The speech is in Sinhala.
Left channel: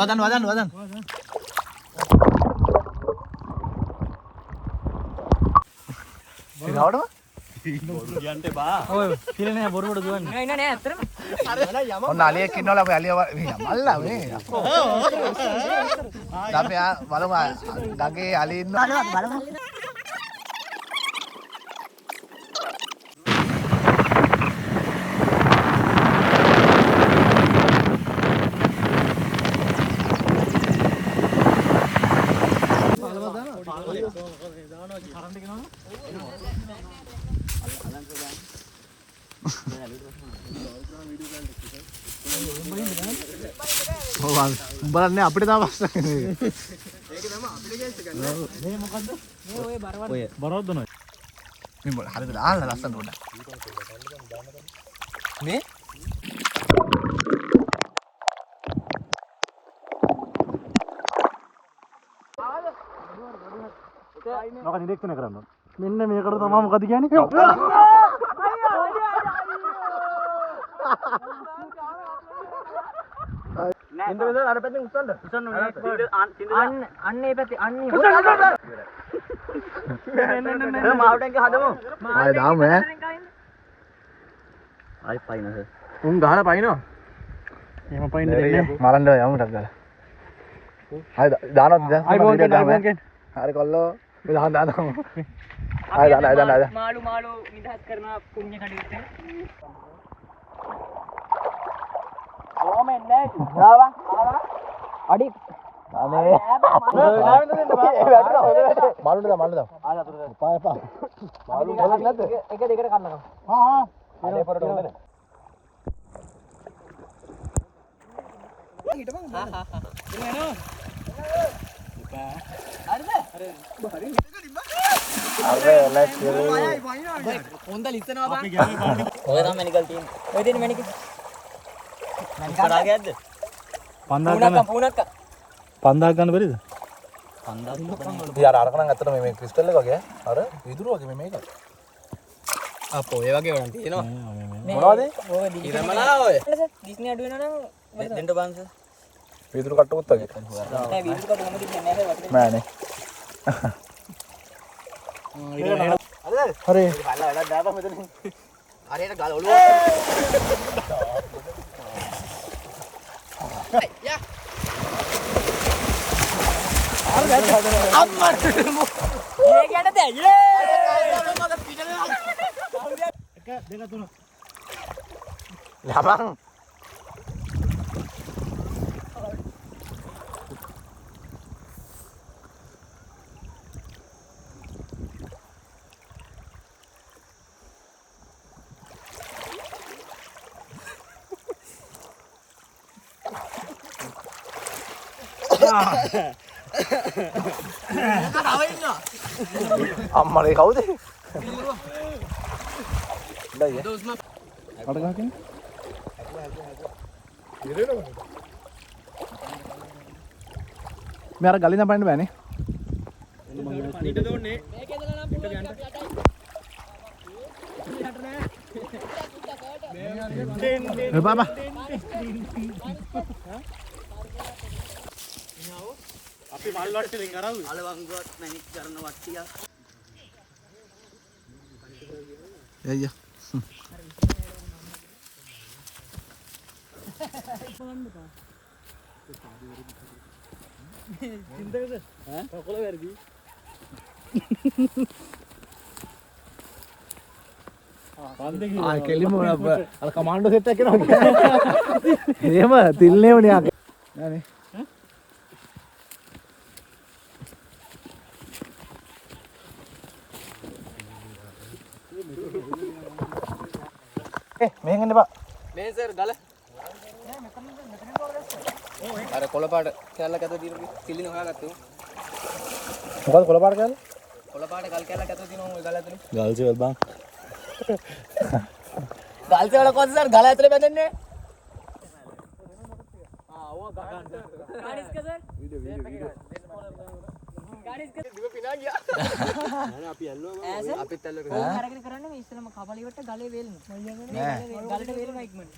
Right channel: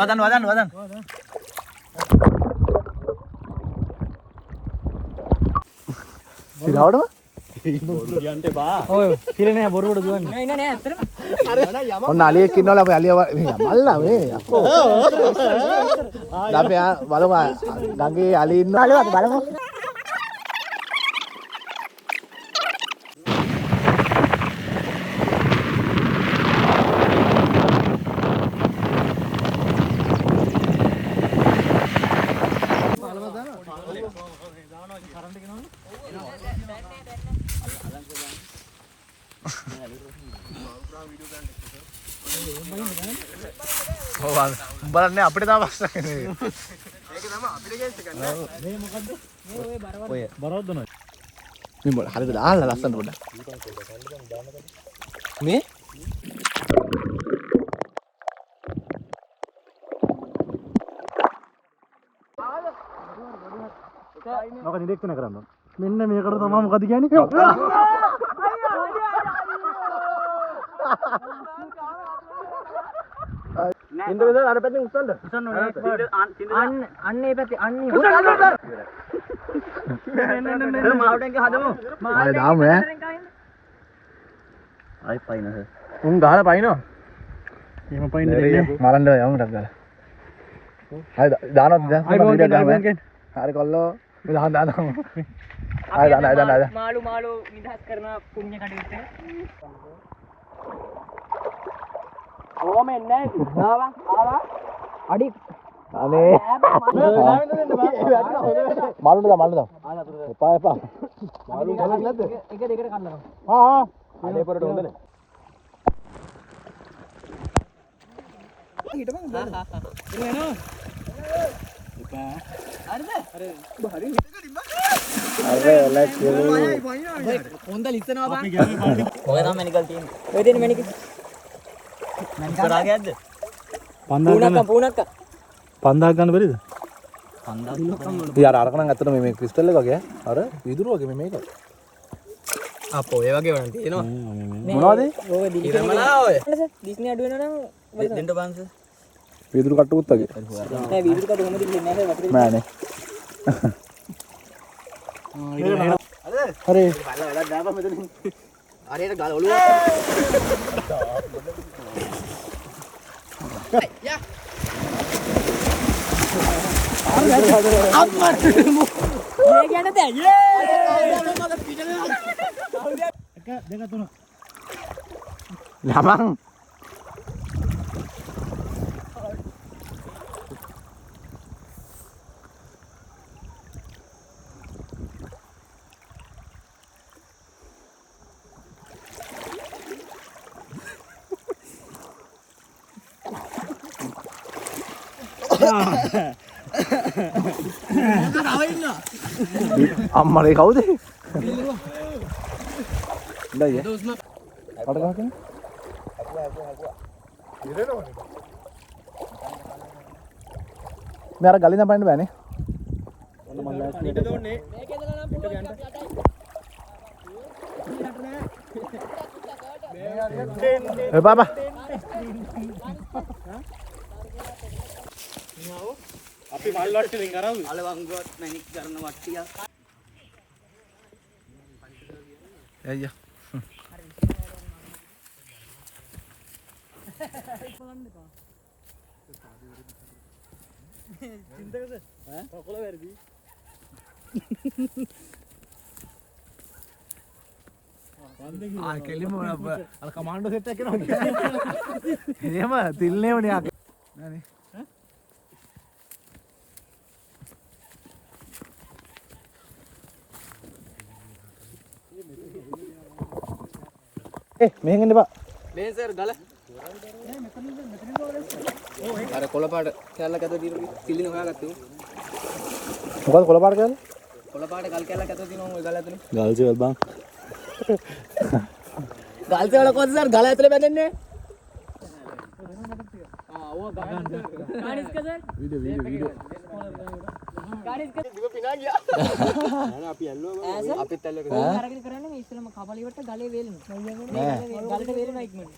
වදන්. ඉනවද? කියන්ට බා. ඔය පිළනේ බොරුවට දුවන්නේ. නෑ ඇත්තටම. ඔන්න අලියෙක් ඉන්නවල අපි අලිය මල්ලා මේ. අපි බලමු ගඟේ අලිය ඉන්නවා. බලමු. බලන්නේ අපිට තාම ප්‍රශ්න නේ. ඒක තමයි අපිට ගේස් එක නෑ. මේ මොකද්ද? මේ ඔය බරවද? ඔය බරවද නෝ. මේ මොකද? හරියට ආලා ලස්සන පොඩ. මේ මොකද ඉන්ඩෙක්ට් එක කරන්න. මෙන්න මේකට තමයි මොකද කියන්නේ? ඉන්ද වෙද අර පැත්තෙන් උස්සන්න අන්න ඒ පැත්තේ අන්නේ මාළු ටැංක හදමු ආයෙ දාමු ඈ ආයෙ පයින්ද උන් ගහලා පයින්නවා එහෙම පයින්න දෙන්නේ මරන්න යමු ටක් ගාලා ආයෙ දානවද හරි කොල්ලෝ දාන්න ආයෙ දාන්න මාළු විදහස් කරන පුණ්‍ය කටයුත්ත ඕම එන්නේ ආවා අඩි අනේ මාළුට දා එපා මාළු ගලක් නැද්ද එක දෙකට කන්නකම් අනේ පොරට හොඳනේ ඊට මං එනවා එපා හරිද හරි ලැක්ස් හොඳ ලිස්සනවා බං ඔය තමයි මෙනිකල් තියෙන්නේ ඔය දෙන්නේ මෙනිකල් කරාගයක්ද 5000 ගන්න බැරිද 5000 යාර අරක නම් ඇත්තට මේ ක්‍රිස්ටල් එක වගේ අර විදුරු වගේ මේක අපෝ ඒ වගේ වුණා තියෙනවා මොනවද ඕක දිලිමලා ඔය ඩිස්නි අඩු වෙනවා නම් දෙන්න බංස විදුරු කට්ටුත් වගේ නෑ විදුරු කට්ටු කොහොමද දෙන්නේ නැහැ වතුරේ නෑනේ හරි බලලා වැඩක් දාපන් මෙතනින් හරියට ගල ඔළුව යා අම්මා ये क्या नते ये එක දෙක තුන ළමං අම්මලේ කවුද? මේ අර ගලින් අපන්න බෑනේ. බාබා අපි මල් වට්ටෙන් කරාවු අලවංගුවත් මැනික් කරන වට්ටිය අයියා චින්තකද ඈ කොළ වැරදි ආ කෙලිම අර කමාන්ඩෝ සෙට් එක කරනවා එහෙම තිල්නේ වුණේ ආ නෑනේ මෙහෙන් එන්න බා මේ සර් ගල නෑ මෙතන අර කොළ පාට කැල්ලක් අත තියෙනවා කිලින හොයාගත්තේ මොකද කොළ පාට කැල්ල කොළ පාට ගල් කැල්ලක් අත තියෙනවා ওই ගල ඇතුලේ ගල් සෙවල් බං ගල් සෙවල කොහොමද සර් ගල ඇතුලේ බැඳෙන්නේ ඕ ගගන් කානිස්ක සර් වීඩියෝ කානිස්ක දිව පිනා ගියා නෑ අපි ඇල්ලුවා අපිත් ඇල්ලුවා ඕක අරගෙන කරන්නේ මේ ඉස්සෙල්ලාම කබලියට ගලේ වේලන ගලට වේලන ඉක්මනට